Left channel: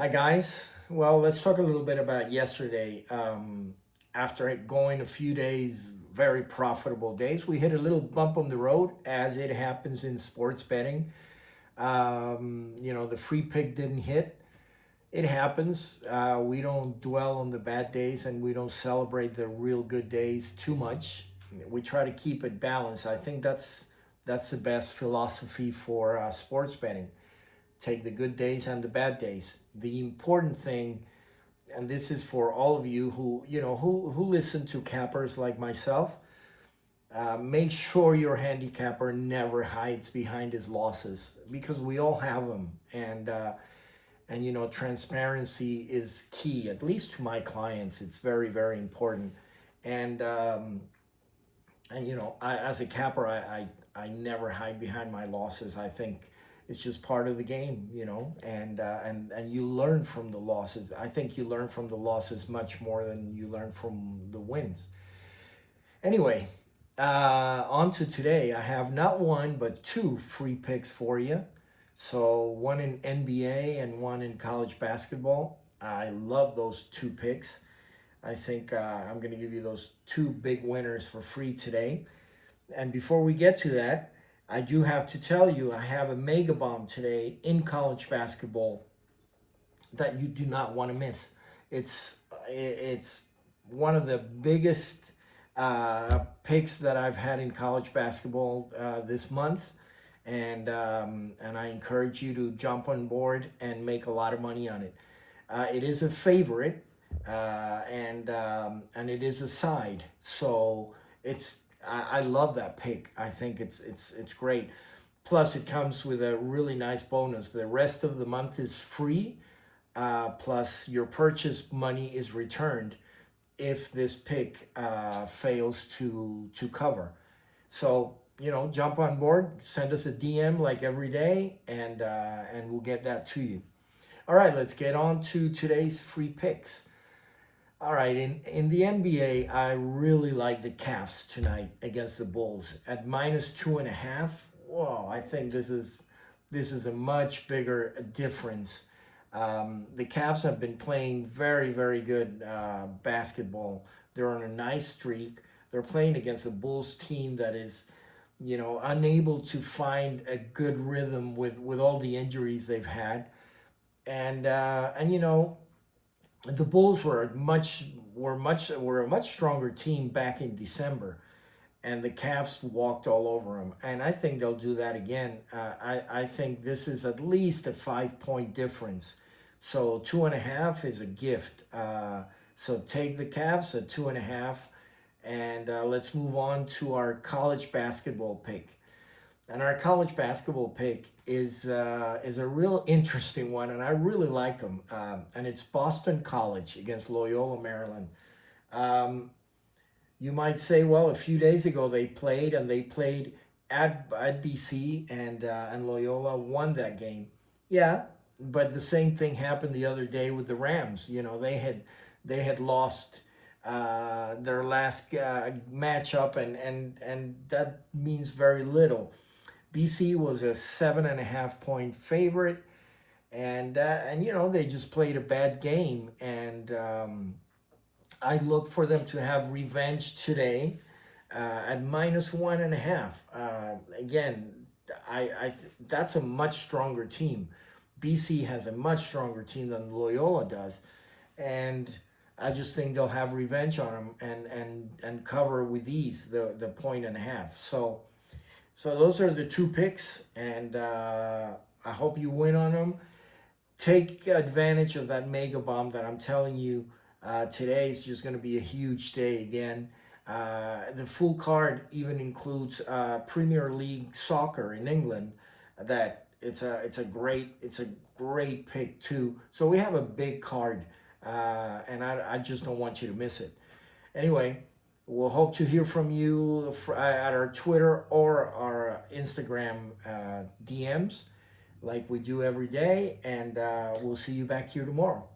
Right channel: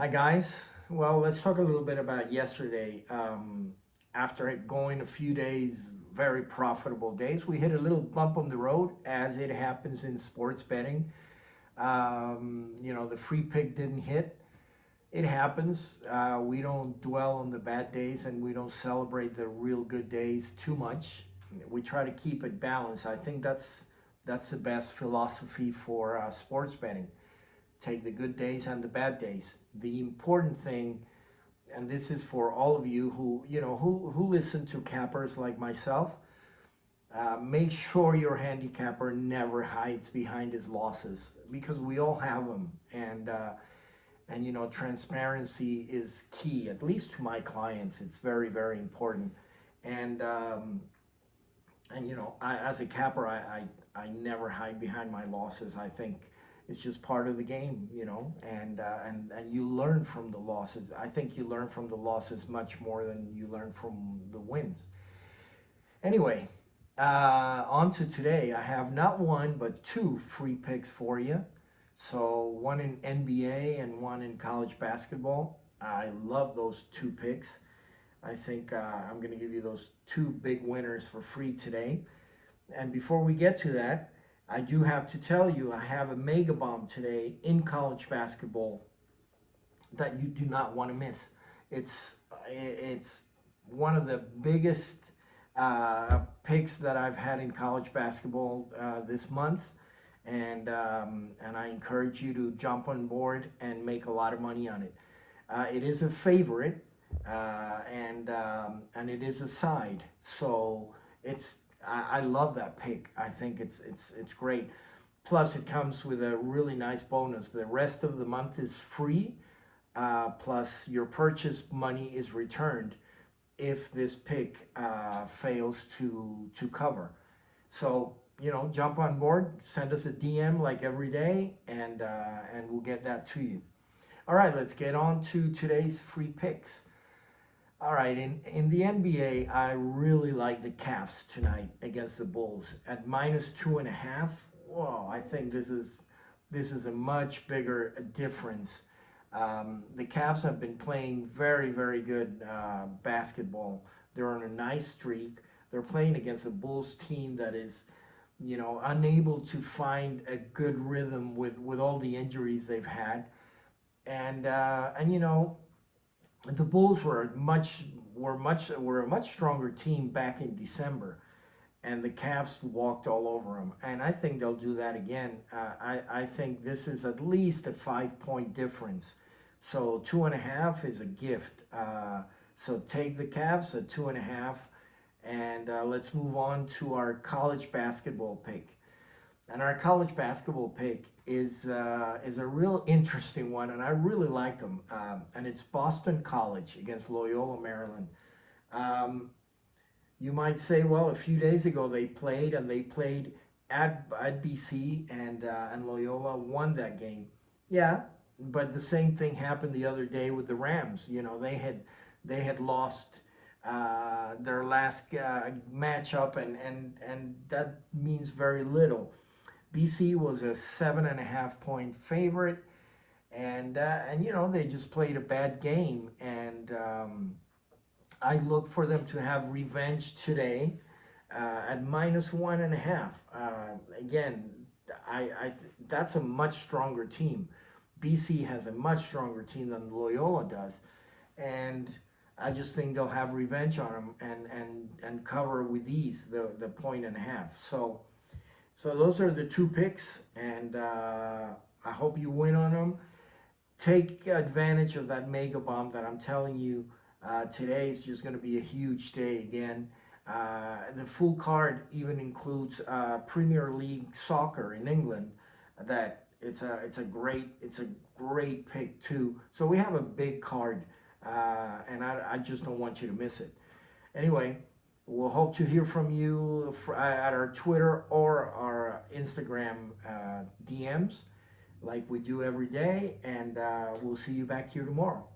Hi guys. Well, let's talk a little bit about yesterday. After it going a few days, very profitable days, we hit a little bump on the road, as it happens in sports betting. The free pick didn't hit. It happens. We don't dwell on the bad days, and we don't celebrate the real good days too much. We try to keep it balanced. I think that's the best philosophy for sports betting. Take the good days and the bad days. The important thing, and this is for all of you who listen to cappers like myself, make sure your handicapper never hides behind his losses, because we all have them. And transparency is key, at least to my clients. It's very, very important. And um, and as a capper, I never hide behind my losses. I think it's just part of the game, and you learn from the losses. I think you learn from the losses much more than you learn from the wins. Anyway, on to today. I have not one but two free picks for you. So one in NBA and one in college basketball. I love those two picks. I think I'm going to give you those two big winners for free today. And before we get to that, I do have to tell you I have a mega bomb today in college basketball that you do not want to miss. It's one of the biggest picks that I've had in college basketball this month, and I encourage you to jump on board and make a lot of money on it. It is a favorite, and it is a side, so I love that pick. I think it's great. Plus, it comes with a really nice bonus. The rest of the month is free. Plus, your purchase money is returned if this pick fails to cover. So jump on board. Send us a DM like every day, and we'll get that to you. All right, let's get on to today's free picks. All right, in the NBA, I really like the Cavs tonight against the Bulls at -2.5. Whoa, I think this is a much bigger difference. The Cavs have been playing very, very good basketball. They're on a nice streak. They're playing against a Bulls team that is, unable to find a good rhythm with all the injuries they've had. And the Bulls were a much stronger team back in December, and the Cavs walked all over them. And I think they'll do that again. I think this is at least a 5 point difference. So 2.5 is a gift. So take the Cavs at 2.5, and let's move on to our college basketball pick. And our college basketball pick is a real interesting one, and I really like them. And it's Boston College against Loyola Maryland. Um, you might say, well, a few days ago they played at BC, and Loyola won that game. Yeah, but the same thing happened the other day with the Rams. They had lost their last matchup, and that means very little. BC was a 7.5 point favorite, and they just played a bad game, and I look for them to have revenge today at -1.5. Again, that's a much stronger team. BC has a much stronger team than Loyola does, and I just think they'll have revenge on them and cover with ease the 1.5. So those are the two picks, and I hope you win on them. Take advantage of that mega bomb that I'm telling you. Today is just going to be a huge day again. The full card even includes Premier League soccer in England. That it's a great pick too. So we have a big card, and I just don't want you to miss it. Anyway, we'll hope to hear from you at our Twitter or our Instagram DMs like we do every day, and we'll see you back here tomorrow.